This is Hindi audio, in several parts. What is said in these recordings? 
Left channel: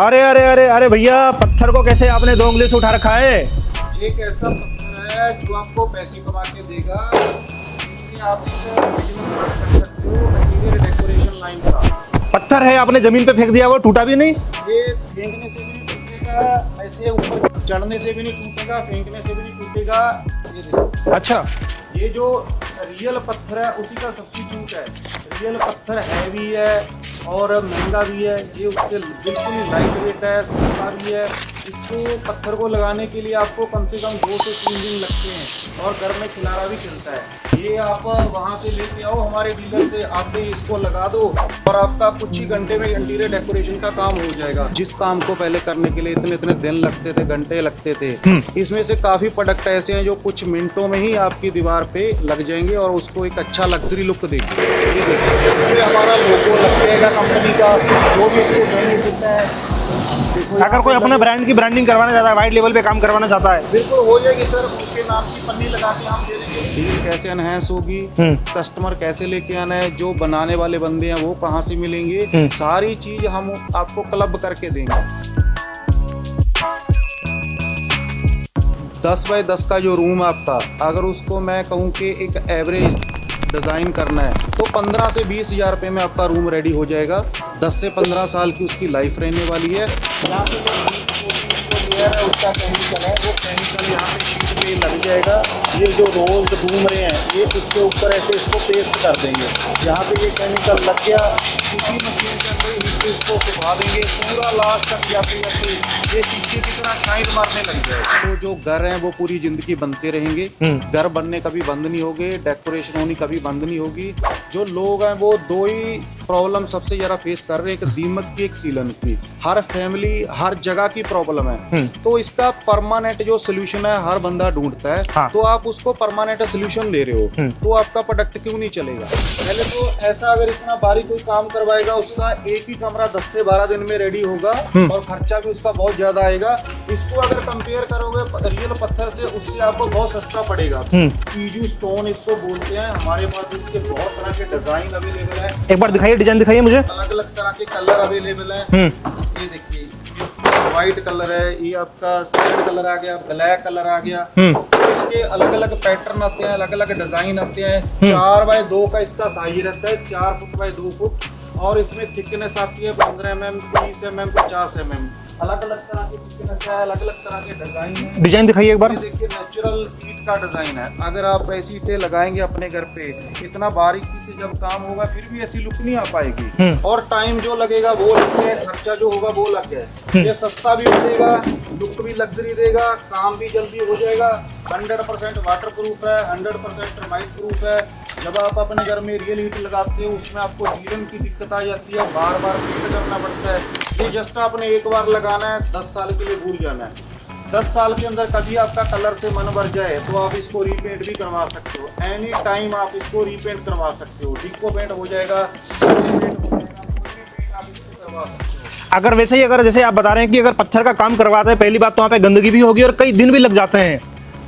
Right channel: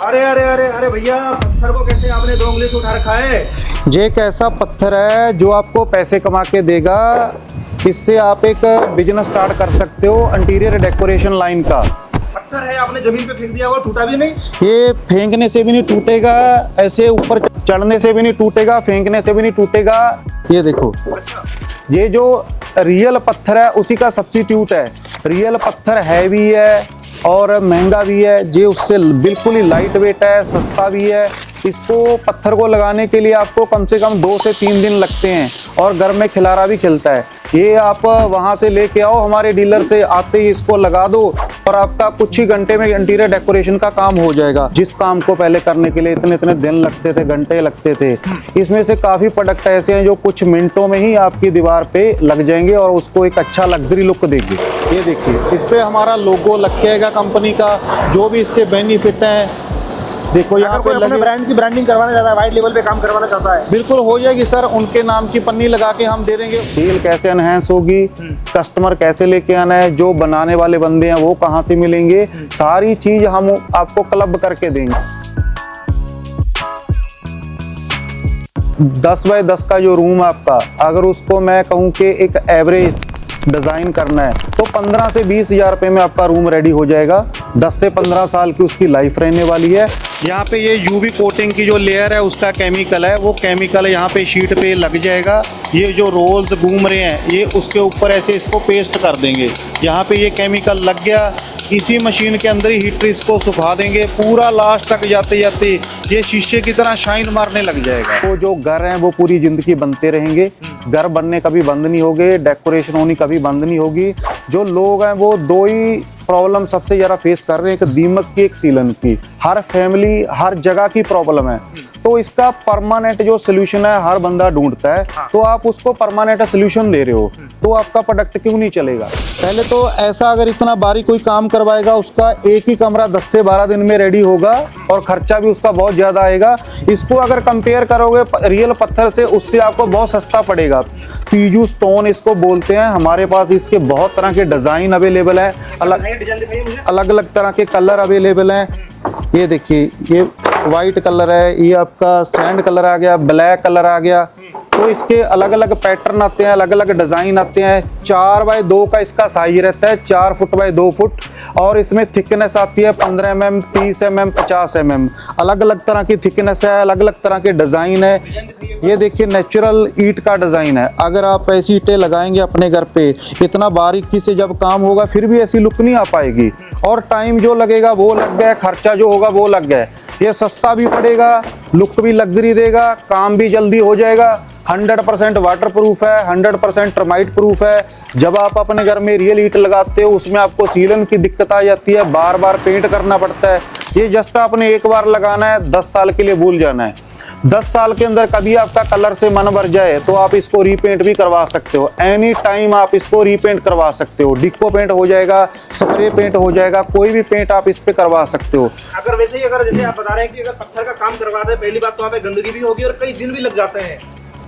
अरे अरे अरे अरे भैया, पत्थर को कैसे आपने 2 उंगली से उठा रखा है? ये एक ऐसा पत्थर है जो आपको पैसे कमा के देगा। इससे आप एक बिजनेस स्टार्ट कर सकते हो इंटीरियर डेकोरेशन लाइन का। पत्थर है, आपने जमीन पे फेंक दिया, वो टूटा भी नहीं? ये फेंकने से भी नहीं टूटेगा, ऐसे ऊपर चढ़ने से भी नहीं टूटेगा, फेंकने से भी नहीं टूटेगा। ये देखो, अच्छा, ये जो रियल पत्थर है उसी का सब्स्टिट्यूट है। रियल पत्थर हैवी है और महंगा भी है। ये उससे बिल्कुल ही लाइट वेट है, सस्ता भी है। इसको पत्थर को लगाने के लिए आपको कम से कम 2 से 3 दिन लगते हैं और घर में खिलारा भी खिलता है। ये आप वहाँ से लेके आओ, हमारे डीलर से आते ही इसको लगा दो और आपका कुछ ही घंटे में इंटीरियर डेकोरेशन का काम हो जाएगा। जिस काम को पहले करने के लिए इतने इतने दिन लगते थे, घंटे लगते थे, इसमें से काफी प्रोडक्ट ऐसे हैं जो कुछ मिनटों में ही आपकी दीवार पे लग जाएंगे और उसको एक अच्छा लग्जरी लुक देगी। ये देखिए, इस पे हमारा लोगो लग जाएगा कंपनी का, जो भी इसके बेनिफिट है। देखो, अगर कोई अपने ब्रांड की ब्रांडिंग करवाना चाहता है, वाइड लेवल पे काम करवाना चाहता है, बिल्कुल हो जाएगी सर। उनके नाम की पन्नी लगा के हम दे देंगे। सेल कैसे एनहेंस होगी, कस्टमर कैसे लेके आना है, जो बनाने वाले बंदे हैं वो कहाँ से मिलेंगे, सारी चीज हम आपको क्लब करके देंगे। 10 बाय 10 का जो रूम आपका, अगर उसको मैं कहूँ कि एक एवरेज डिजाइन करना है तो 15 से 20 हजार रुपए में आपका रूम रेडी हो जाएगा। 10 से 15 साल की उसकी लाइफ रहने वाली है। यहाँ पे ये यूवी कोटिंग की जो लेयर है उसका केमिकल है, वो केमिकल यहाँ पे शीट पे लग जाएगा। ये जो रोल्स घूम रहे हैं ये उसके ऊपर ऐसे इसको पेस्ट कर देंगे। यहाँ पे ये केमिकल लग गया, इसी मशीन के अंदर ही हीटर इसको सुखा देंगे। पूरा लास्ट तक जाते जाते ये शीशे की तरह शाइन मारने लग जाएगा। तो जो घर हैं वो पूरी जिंदगी बनते रहेंगे। घर बनने कभी बंद नहीं होंगे, डेकोरेशन होनी कभी बंद नहीं होगी। जो लोग हैं वो 2 ही प्रॉब्लम सबसे ज्यादा फेस कर रहे हैं, एक दीमक की, एक सीलन की। हर फैमिली हर जगह की प्रॉब्लम है, तो इसका परमानेंट जो सोल्यूशन है हर बंदा ढूंढता है। हाँ। तो आप उसको परमानेंट सोल्यूशन दे रहे हो तो आपका प्रोडक्ट क्यों नहीं चलेगा? पहले तो ऐसा, अगर इतना बारीक कोई काम करवाएगा उसका एक ही कमरा 10 से 12 दिन में रेडी होगा और खर्चा भी उसका बहुत ज्यादा आएगा। इसको अगर कंपेयर करोगे रियल पत्थर से, उससे आपको बहुत सस्ता पड़ेगा। पीजू स्टोन इसको बोलते हैं। हमारे पास इसके बहुत तरह के डिजाइन अवेलेबल है। एक बार दिखाइए, डिजाइन दिखाइए मुझे। अलग अलग तरह के कलर अवेलेबल हैं। ये देखिए, ये व्हाइट कलर है, ये आपका सैंड कलर आ गया, ब्लैक कलर आ गया। तो इसके अलग अलग पैटर्न आते हैं, अलग अलग डिजाइन आते हैं। 4 बाय 2 का इसका साइज रहता है, 4 फुट बाय 2 फुट। और इसमें थिकनेस आती है 15 mm, 30 mm, 50 mm। अलग अलग तरह की थिकनेस है, अलग अलग तरह के डिजाइन है। डिजाइन दिखाइए एक बार। ये देखिए, नेचुरल ईंट का डिजाइन है। अगर आप ऐसी ईंटें लगाएंगे अपने घर पे, इतना बारीकी से जब काम होगा फिर भी ऐसी लुक नहीं आ पाएगी। और टाइम जो लगेगा वो लग गया, खर्चा जो होगा वो लग गया। ये सस्ता भी पड़ेगा, लुक भी लग्जरी देगा, काम भी जल्दी हो जाएगा। 100% वाटर प्रूफ है, 100% टर्माइट प्रूफ है। जब आप अपने घर में रियल ईंट लगाते हो उसमें आपको सीलन की दिक्कत आ जाती है, बार बार पेंट करना पड़ता है। ये जस्ट आपने एक बार लगाना है, 10 साल के लिए भूल जाना है। 10 साल के अंदर कभी आपका कलर से मन भर जाए तो आप इसको रीपेंट भी करवा सकते हो। एनी टाइम आप इसको रीपेंट करवा सकते हो। डिको पेंट हो जाएगा, स्प्रे पेंट हो जाएगा, कोई भी पेंट आप इस पे करवा सकते हो। अगर वैसे ही, अगर जैसे आप बता रहे हैं कि अगर पत्थर का काम करवाते हैं, पहली बात तो वहाँ पे गंदगी भी होगी और कई दिन भी लग जाते हैं।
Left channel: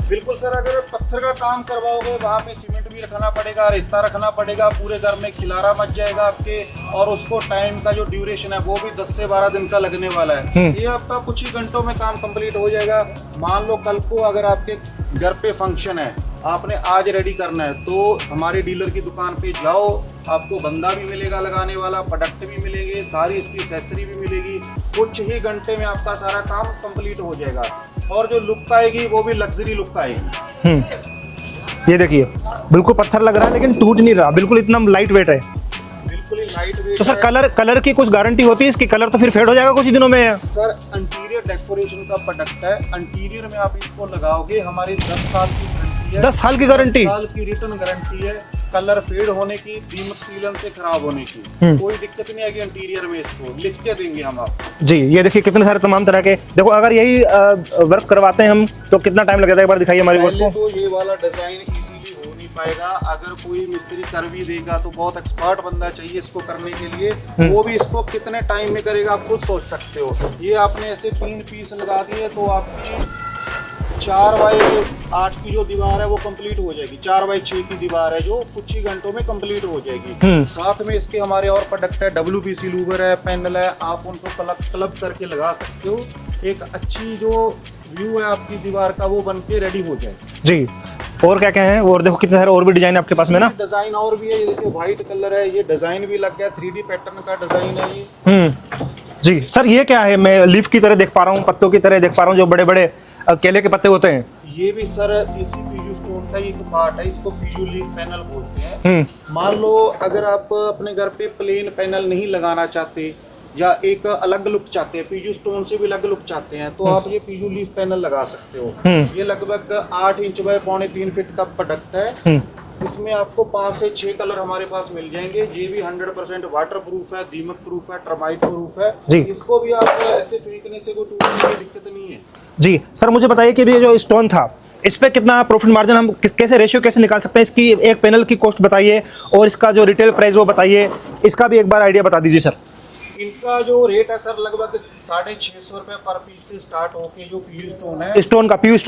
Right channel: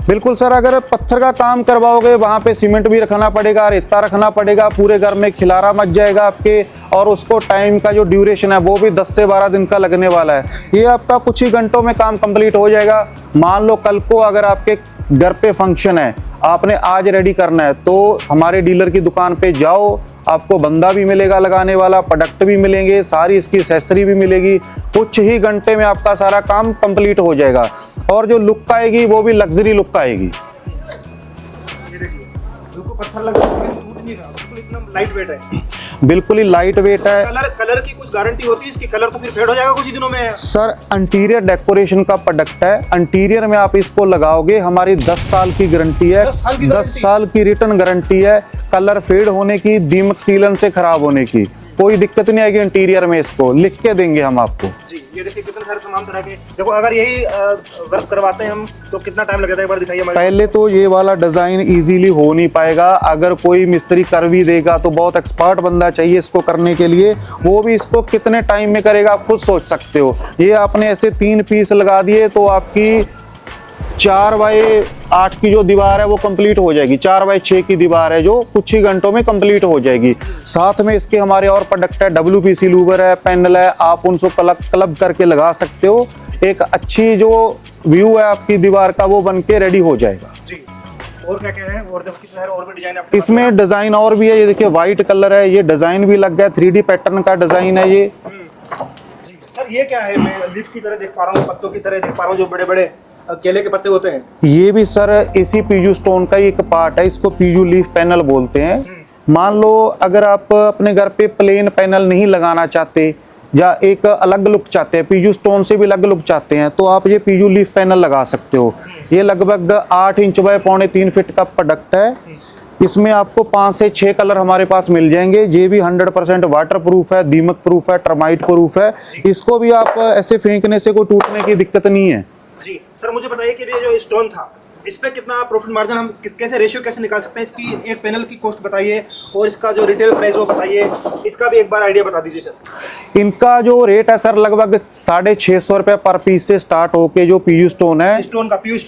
बिल्कुल सर, अगर पत्थर का काम करवाओगे वहां पे सीमेंट भी रखना पड़ेगा, रेता रखना पड़ेगा, पूरे घर में खिलारा मच जाएगा आपके। और उसको टाइम का जो ड्यूरेशन है वो भी 10 से 12 दिन का लगने वाला है। ये आपका कुछ ही घंटों में काम कंप्लीट हो जाएगा। मान लो कल को अगर आपके घर पे फंक्शन है, आपने आज रेडी करना है, तो हमारे डीलर की दुकान पे जाओ, आपको बंदा भी मिलेगा लगाने वाला, प्रोडक्ट भी मिलेंगे, सारी इसकी एक्सेसरी भी मिलेगी। कुछ ही घंटे में आपका सारा काम कंप्लीट हो जाएगा और जो लुक आएगी वो भी लग्जरी लुक आएगी। ये देखिए, बिल्कुल पत्थर लग रहा है लेकिन टूट नहीं रहा, बिल्कुल इतना लाइट वेट है। बिल्कुल ही लाइट वेट है। कलर की कुछ गारंटी होती है इसकी? कलर तो फिर फेड हो जाएगा कुछ ही दिनों में। सर, इंटीरियर डेकोरेशन का प्रोडक्ट है। इंटीरियर में आप इसको लगाओगे, हमारी 10 साल की गारंटी है। 10 साल की गारंटी? 10 साल की रिटर्न गारंटी है। कलर फेड होने की, दीमक सीलन से खराब होने की कोई दिक्कत नहीं आएगी। इंटीरियर में इसको लिख के देंगे हम आपको। जी, ये देखिए कितने सारे तमाम तरह के। देखो, अगर यही वर्क करवाते हैं हम तो कितना टाइम लगेगा, एक बार दिखाइए हमारे। पहले तो ये वाला डिजाइन इजीली हो नहीं पाएगा। अगर कोई मिस्त्री कर भी देगा तो बहुत एक्सपर्ट बंदा चाहिए इसको करने के लिए। वो भी इसको कितने टाइम में करेगा आप खुद सोच सकते हो। ये आपने ऐसे 3 पीस लगा दिए तो आपकी 4x8 की जो दीवार है वो कंप्लीट हो जाएगी। 4x6 की दीवार है जो कुछ ही घंटों में कंप्लीट हो जाएगी। साथ में इसके हमारे और प्रोडक्ट है, WPC लूवर है, पैनल है, आप उनको क्लब करके लगा सकते हो। एक अच्छी जो व्यू है आपकी दीवार का वो बन के रेडी हो जाएगा जी। और क्या क्या है? और देखो कितने सारे और भी डिजाइन आपके पास में इसमें डिजाइन और भी है। ये देखिए व्हाइट कलर है, ये डिजाइन भी लग गया, 3D पैटर्न का डिजाइन है ये। जी सर, ये क्या है? मैं लीफ की तरह देख पा रहा हूँ, पत्तों की तरह देख पा रहा हूँ, जो बड़े बड़े केले के पत्ते होते हैं। ये भी सर इसी पीजू स्टोन का ही एक पार्ट है, इसको पीजू लीफ पैनल बोलते हैं। मान लो अगर आप अपने घर पे प्लेन पैनल नहीं लगाना चाहते या एक अलग लुक चाहते हैं, पीजू स्टोन से भी अलग लुक चाहते हैं, तो आप ये पीजू लीफ पैनल लगा सकते हो। ये लगभग 8 इंच बाय 3.25 फीट का प्रोडक्ट है। इसमें आपको 5 से 6 कलर हमारे पास मिल जाएंगे। ये भी 100% वाटर प्रूफ है, दीमक प्रूफ है, टर्माइट प्रूफ है। इसको भी आप ऐसे फेंकने से कोई टूटने की दिक्कत नहीं है। जी सर, मुझे बताइए कि ये जो स्टोन था, इस पे कितना प्रॉफिट मार्जिन हम कैसे रेशियो कैसे निकाल सकते हैं? इसकी एक पैनल की कॉस्ट बताइए और इसका जो रिटेल प्राइस वो बताइए, इसका भी एक बार आइडिया बता दीजिए सर। इनका जो रेट है सर लगभग 650 रुपए पर पीस से स्टार्ट होके जो पीयू स्टोन है, पीयू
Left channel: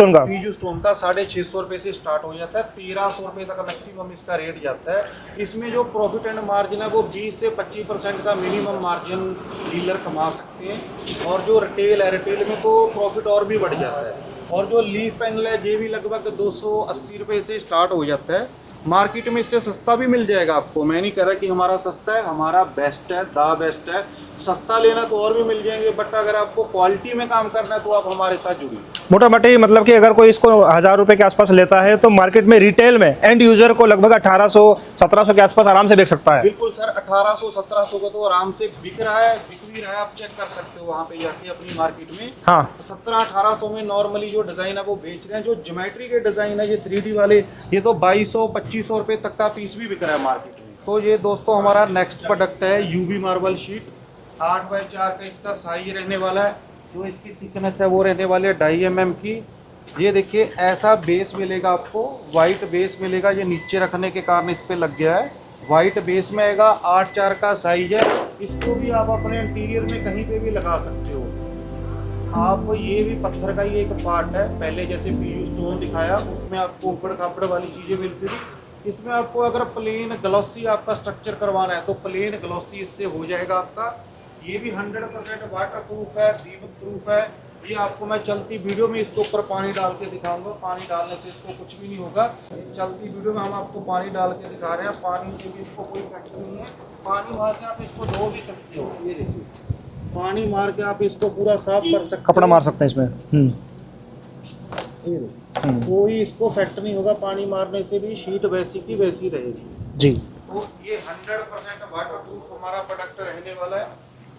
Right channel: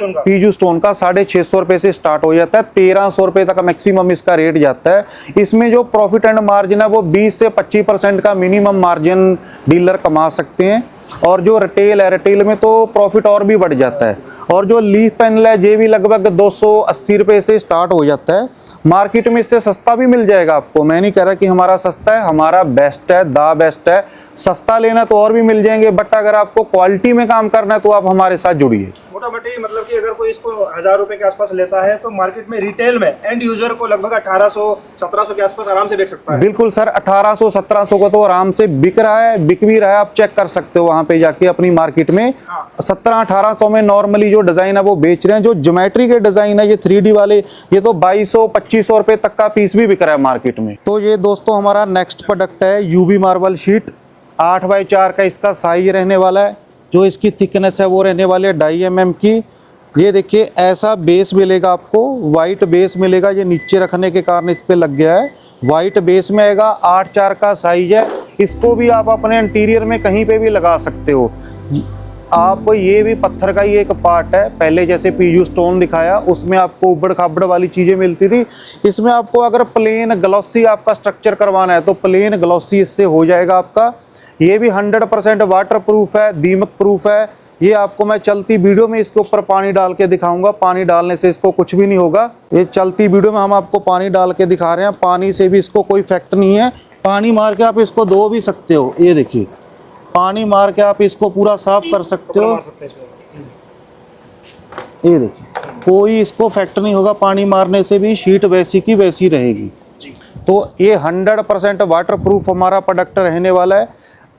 स्टोन का 650 रुपए से स्टार्ट हो जाता है। 1300 रुपए तक मैक्सिमम इसका रेट जाता है। इसमें जो प्रॉफिट एंड मार्जिन है वो 20 से 25% का मिनिमम मार्जिन डीलर कमा सकते हैं। और जो रिटेल है, रिटेल में तो प्रॉफिट और भी बढ़ जाता है। और जो लीफ पैनल है ये भी लगभग 280 रुपए से स्टार्ट हो जाता है। मार्केट में इससे सस्ता भी मिल जाएगा आपको। मैं नहीं कह रहा कि हमारा सस्ता है, हमारा बेस्ट है, द बेस्ट है। सस्ता लेना तो और भी मिल जाएंगे, बट अगर आपको क्वालिटी में काम करना है तो आप हमारे साथ जुड़िए। मोटा मोटी मतलब कि अगर कोई इसको 1000 रुपए के आसपास लेता है तो मार्केट में रिटेल में एंड यूजर को लगभग 1800-1700 के आसपास आराम से बेच सकता है। बिल्कुल सर, 1800-1700 को तो आराम से बिक रहा है, बिक भी रहा है। आप चेक कर सकते हो वहां पे जाके अपनी मार्केट में। 1700-1800 में नॉर्मली जो डिजाइन है वो बेच रहे हैं। जो ज्योमेट्री के डिजाइन है ये 3D वाले, ये तो 2200-2500 रुपए तक का पीस भी बिक रहा है मार्केट में। तो ये दोस्तों हमारा नेक्स्ट प्रोडक्ट है यूवी मार्बल शीट। 8x4 का इसका साइज रहने वाला है। जो इसकी थिकनेस है वो रहने वाली है 2.5 mm की। ये देखिए ऐसा बेस मिलेगा आपको, वाइट बेस मिलेगा। ये नीचे रखने के कारण इस पे लग गया है, वाइट बेस में आएगा। 8x4 का साइज है। इसको भी आप अपने इंटीरियर में कहीं पे भी लगा सकते हो आप। ये भी पत्थर का ही एक पार्ट है। पहले जैसे पीयू स्टोन दिखाया उसमें आपको उबड़ खाबड़ वाली चीजें मिलती थी, इसमें आपको अगर प्लेन ग्लॉसी आपका स्ट्रक्चर करवाना है तो प्लेन ग्लॉसी इससे हो जाएगा आपका। ये भी 100% वाटर प्रूफ है, दीमक प्रूफ है। ये आपको मैं चलती वीडियो में इसके ऊपर पानी डाल के दिखाऊंगा। पानी डालने से इसको कुछ भी नहीं होगा। ये चलती वीडियो में हम आपको पानी डाल के दिखा रहे हैं। पानी से भी इसको कोई इफेक्ट नहीं है। पानी मार के आप इसको धो भी सकते हो। ये देखिए पानी मार के आप इसको पूरा साफ कर सकते हो, कपड़ा मार सकते हैं इसमें। ये देखिए कोई इसको इफेक्ट नहीं होगा। पानी मारने से भी शीट वैसी की वैसी रहेगी जी। तो ये 100% वाटर प्रूफ हमारा प्रोडक्ट रहने वाला है।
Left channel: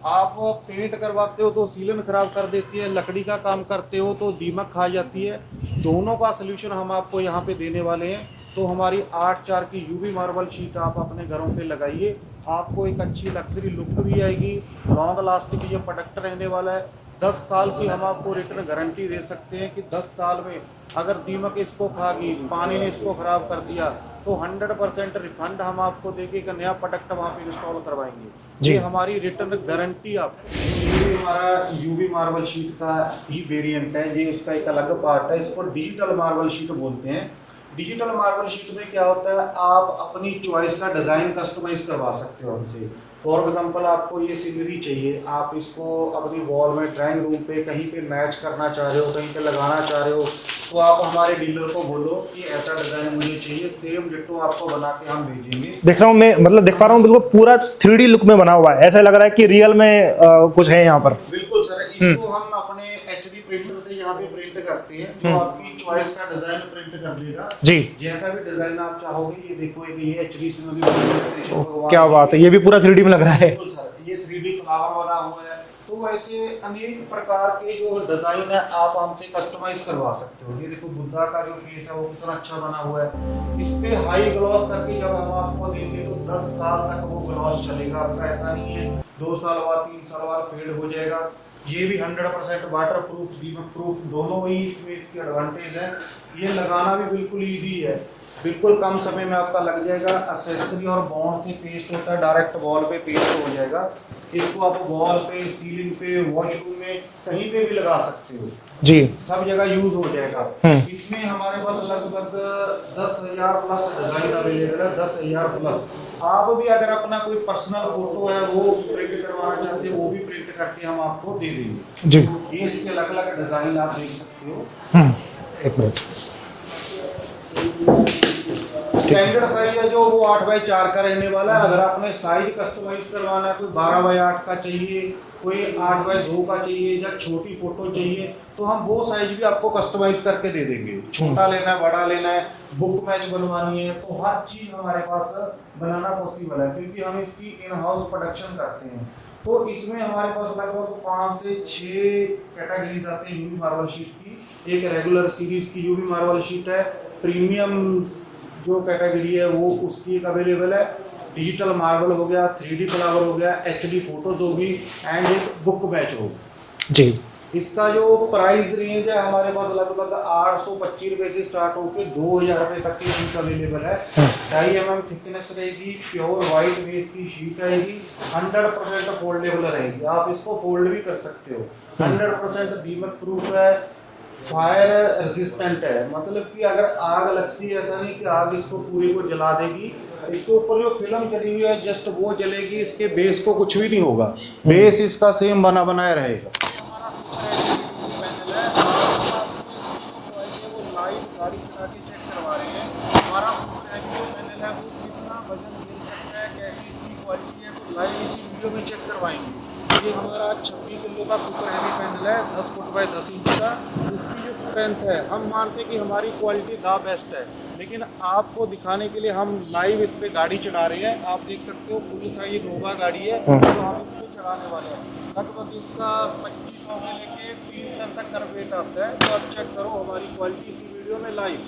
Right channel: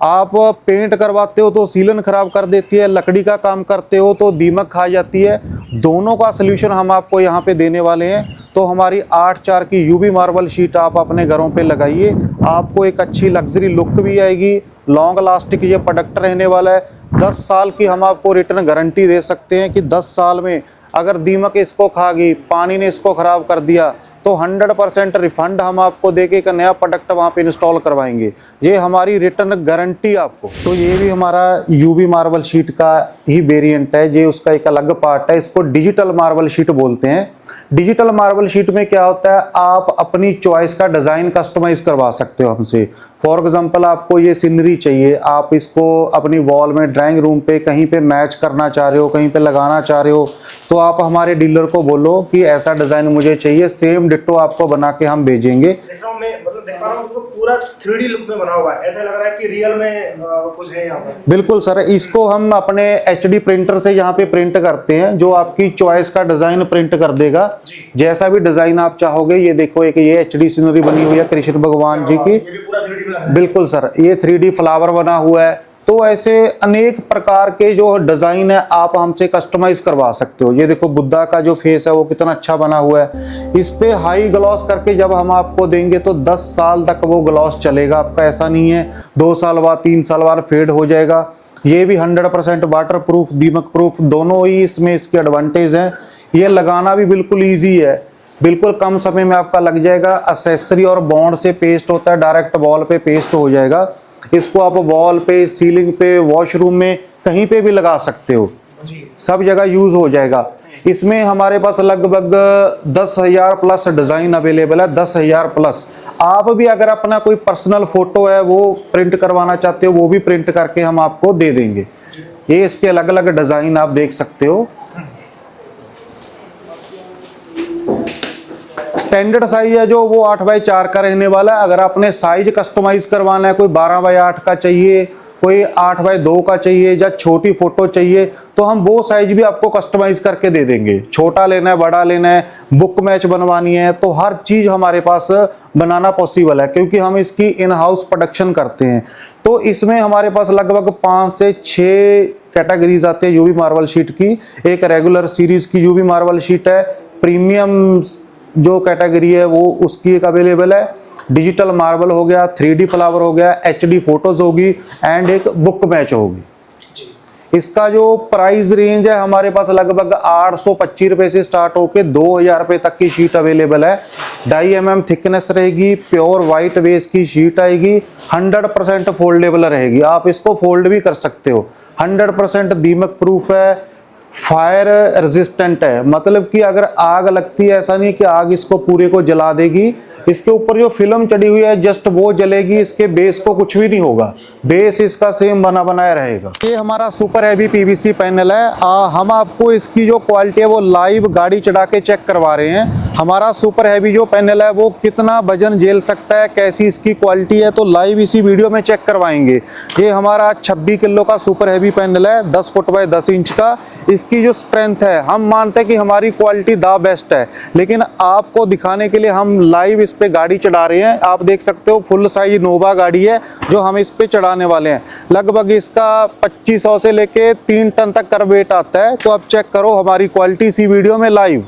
आप पेंट करवाते हो तो सीलन खराब कर देती है, लकड़ी का काम करते हो तो दीमक खा जाती है। दोनों का सलूशन हम आपको यहाँ पे देने वाले हैं। तो हमारी 8x4 की यूवी मार्बल शीट आप अपने घरों पे लगाइए, आपको एक अच्छी लग्जरी लुक भी आएगी। लॉन्ग लास्टिक ये प्रोडक्ट रहने वाला है। 10 साल की हम आपको रिटर्न गारंटी दे सकते हैं कि 10 साल में अगर दीमक इसको खा गई, पानी ने इसको खराब कर दिया तो 100% रिफंड हम आपको देके एक नया प्रोडक्ट वहाँ पे इंस्टॉल करवाएंगे। ये हमारी रिटर्न गारंटी आपको। तो ये भी हमारा यूवी मार्बल शीट का ही वेरिएंट है। ये उसका एक अलग पार्ट है। इसको डिजिटल मार्बल शीट बोलते हैं। डिजिटल मार्बल शीट में क्या होता है, आप अपनी चॉइस का डिजाइन कस्टमाइज करवा सकते हो हमसे। फॉर एग्जांपल आपको ये सीनरी चाहिए, आप इसको अपनी वॉल में, ड्राइंग रूम पे कहीं पे मैच करना चाह रहे हो, कहीं पे लगाना चाह रहे हो, तो आप हमारे डीलर को बोलो कि ऐसा डिजाइन मुझे चाहिए, सेम डिट्टो आपको बना के हम भेजेंगे। देख रहा हूँ मैं, मतलब देख पा रहा हूँ बिल्कुल पूरा 3D लुक में बना हुआ है। ऐसा लग रहा है कि रियल में कुछ है यहाँ पर। बिल्कुल सर, इसको हम अपने HD प्रिंटर से यहाँ पे प्रिंट करते हैं, जो आपकी चॉइस का डिजाइन प्रिंट कर देगा जी। जैसा भी डिजाइन आप चाहोगे। ये देखो एक ये HD सीनरी बनी हुई है कृष्ण भगवान जी की। ये भी पूरा 3D में लग रहा है। बिल्कुल सर, ये 3D फ्लावर बना हुआ है। तो ऐसे अनेक प्रकार के जो डिजाइन है आप हमसे कस्टमाइज करवा सकते हो। ये देखो बुद्धा का जो फेस है वो कितना अच्छा बना हुआ है। इस पे हाई ग्लॉस करके जब हम आपको देंगे तो 10 साल तक वो ग्लॉस चलेगा आपका। ऐसा नहीं है 2 साल बाद 3 साल बाद फेड हो जाएगा। ये भी 100% वाटर प्रूफ, दीमक प्रूफ, दोनों ही इसमें इसके एडवांटेज हैं। ये लगाना भी बिल्कुल ईजी है, बिल्कुल कम समय में आपका लग जाएगा। एक्सेसरी और बॉन्ड से पेस्ट होता है, डायरेक्ट वॉल पे पेस्ट हो जाएगा। इसको आप वॉल पे, सीलिंग पे, वॉशरूम में कहीं पे भी लगा सकते हो। जी, सब जगह यूज हो जाएगा। इसमें हमारे पास लगभग 10,000 प्लस डिजाइन अवेलेबल है, 10,000 प्लस। आप भी अगर अपना कोई पर्सनल फोटो है वो प्रिंट करवाना चाहते हो, वो भी प्रिंट करके हम आपको दे देंगे जी। ये इसके अलग अलग डिजाइन आप देख सकते हो। एक मिनट। स्टैंडर्ड साइज है जो वो 8x4 का रहने वाला है। अगर आपने साइज कस्टमाइज करवाना है, कोई 12x8 का चाहिए, कोई 8x2 का चाहिए, या छोटी फोटो चाहिए, तो हम वो साइज भी आपको कस्टमाइज करके दे देंगे। छोटा लेना है, बड़ा लेना है, बुक मैच बनवानी है, तो हर चीज हमारे पास बनाना पॉसिबल है, क्योंकि हम इसकी इन हाउस प्रोडक्शन करते हैं। तो इसमें हमारे पास लगभग 5 से 6 कैटेगरीज आते हैं यूवी मार्बल शीट की। एक रेगुलर सीरीज की यूवी मार्बल शीट है, प्रीमियम जो कैटेगरी है वो उसकी एक अवेलेबल है, डिजिटल मार्बल हो गया, 3D फ्लावर हो गया, HD फोटोज होगी, एंड एक बुक मैच होगी जी। इसका जो प्राइस रेंज है हमारे पास लगभग 825 रुपए से स्टार्ट होकर 2,000 रुपए तक की शीट अवेलेबल है। 2.5 mm थिकनेस रहेगी, प्योर वाइट बेस की शीट आएगी, 100% फोल्डेबल रहेगी, आप इसको फोल्ड भी कर सकते हो। 100% दीमक प्रूफ है, फायर रेजिस्टेंट है, मतलब कि अगर आग लगती है ऐसा नहीं कि आग इसको पूरे को जला देगी। इसके ऊपर जो फिल्म चढ़ी हुई है जस्ट वो जलेगी, इसके बेस को कुछ भी नहीं होगा, बेस इसका सेम बना बनाया रहेगा। ये हमारा सुपर हैवी पीवीसी पैनल है। हम आपको इसकी जो क्वालिटी है वो लाइव गाड़ी चढ़ा के चेक करवा रहे हैं। हमारा सुपर हैवी जो पैनल है वो कितना वजन झेल सकता है, कैसी इसकी क्वालिटी है, तो लाइव इसी वीडियो में चेक करवाएंगे। ये हमारा 26 किलो का सुपर हैवी पैनल है, 10 फुट बाय 10 इंच का। इसकी जो स्ट्रेंथ है, हम मानते हैं कि हमारी क्वालिटी द बेस्ट है, लेकिन आपको दिखाने के लिए हम लाइव इस पे गाड़ी चढ़ा रहे हैं। आप देख सकते हो फुल साइज नोवा गाड़ी है जो हम इस पे चढ़ाने वाले हैं। लगभग इसका 2500 से लेके 3 टन तक का वेट आता है। तो आप चेक करो हमारी क्वालिटी इसी वीडियो में लाइव।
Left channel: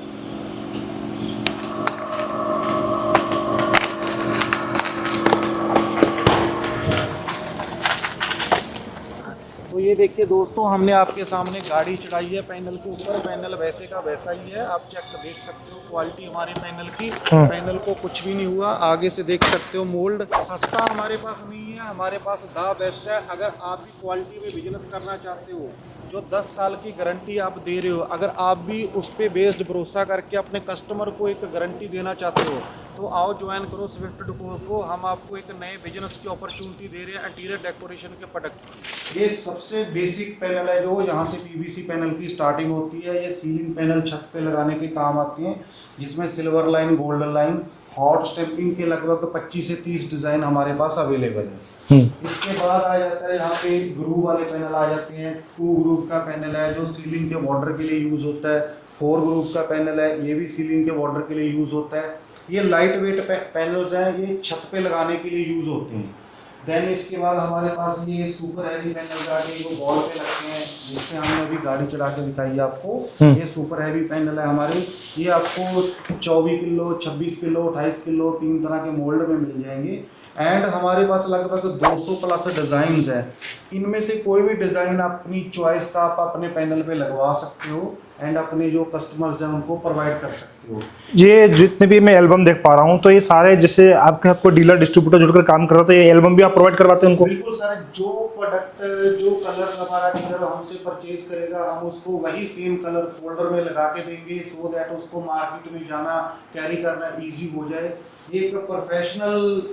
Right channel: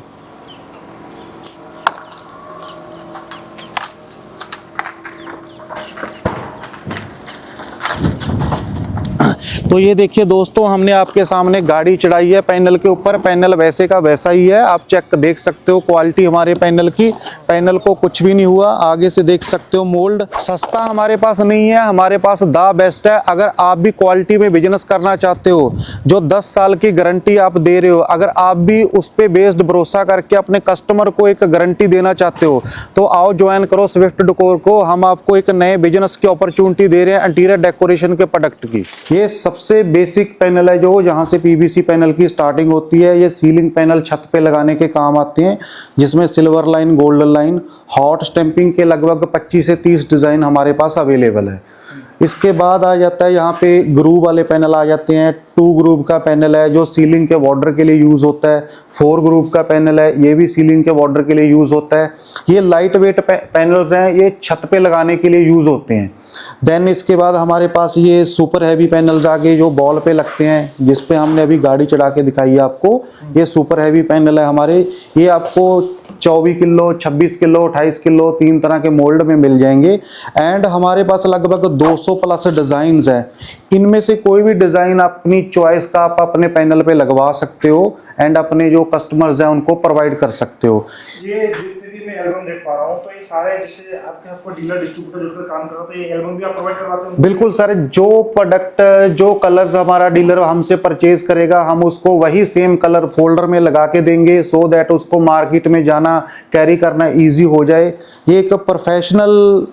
तो ये देखिए दोस्तों, हमने आपके सामने गाड़ी चढ़ाई है पैनल के ऊपर। पैनल वैसे का वैसा ही है, आप चेक देख सकते हो क्वालिटी हमारे पैनल की। पैनल को कुछ भी नहीं हुआ, आगे से देख सकते हो मोल्ड। सस्ता हमारे पास नहीं है, हमारे पास द बेस्ट है। अगर आप भी क्वालिटी में बिजनेस करना चाहते हो, जो 10 साल की गारंटी आप दे रहे हो, अगर आप भी उस पे बेस्ड भरोसा करके अपने कस्टमर को एक गारंटी देना चाहते हो, तो आओ ज्वाइन करो स्विफ्ट डेकोर को। हम आपको एक नए बिजनेस की अपॉर्चुनिटी दे रहे हैं इंटीरियर डेकोरेशन के प्रोडक्ट की। ये सबसे बेसिक पैनल है जो जहां से पीवीसी पैनल की स्टार्टिंग होती है। ये सीलिंग पैनल छत पे लगाने के काम आते हैं, जिसमें silver line, golden line, hot stamping के लगभग 25 से 30 डिजाइन हमारे पास अवेलेबल है। इसके बाद आ जाता है यहाँ पे ग्रूव वाले पैनल आ जाते हैं। 2 ग्रूव का पैनल है जो सीलिंग के बॉर्डर के लिए यूज होता है। 4 ग्रूव का पैनल है, ये भी सीलिंग के बॉर्डर के लिए यूज होता है। ये लाइट वेट पैनल्स हैं, ये छत पे लगाने के लिए यूज होते हैं। देन इसके बाद हमारे पास ये सुपर हैवी पैनल्स आ गए जो बॉल पे लगते हैं, जिसपे हमने अभी गाड़ी चढ़ा के दिखाई है आपको। ये सुपर हैवी पैनल है हमारे। ये आपको 24 किलो, 26 किलो, 28 किलो 3 तरह के मोल्ड में मिल जाएंगे। एंड हमारे पास लगभग 200 प्लस डिजाइन है। इनमें से कोई भी डिजाइन अपनी चॉइस का आप अपने पैनल पे लगवा सकते हो एंड अपने जो कस्टमर्स हैं उनको प्रोवाइड कर सकते हो। ये जितने भी मैं एल्बम देख पा रहा हूँ, तो ये सारे जैसे आपको डीलर डिस्ट्रीब्यूटर जुड़कर काम कर रहा था, ये एल्बम भी आप प्रोवाइड करवाते हैं उनको? बिल्कुल सर, जो प्रोडक्ट, जो कलर्स हमारा डीलर हमसे परचेज करेगा, हम उसको वही सेम कलर फोल्डर में लगा के देंगे, सो दैट उसको मार्केट में जाना, कैरी करना इजी हो जाए। ये एक प्रोफेशनल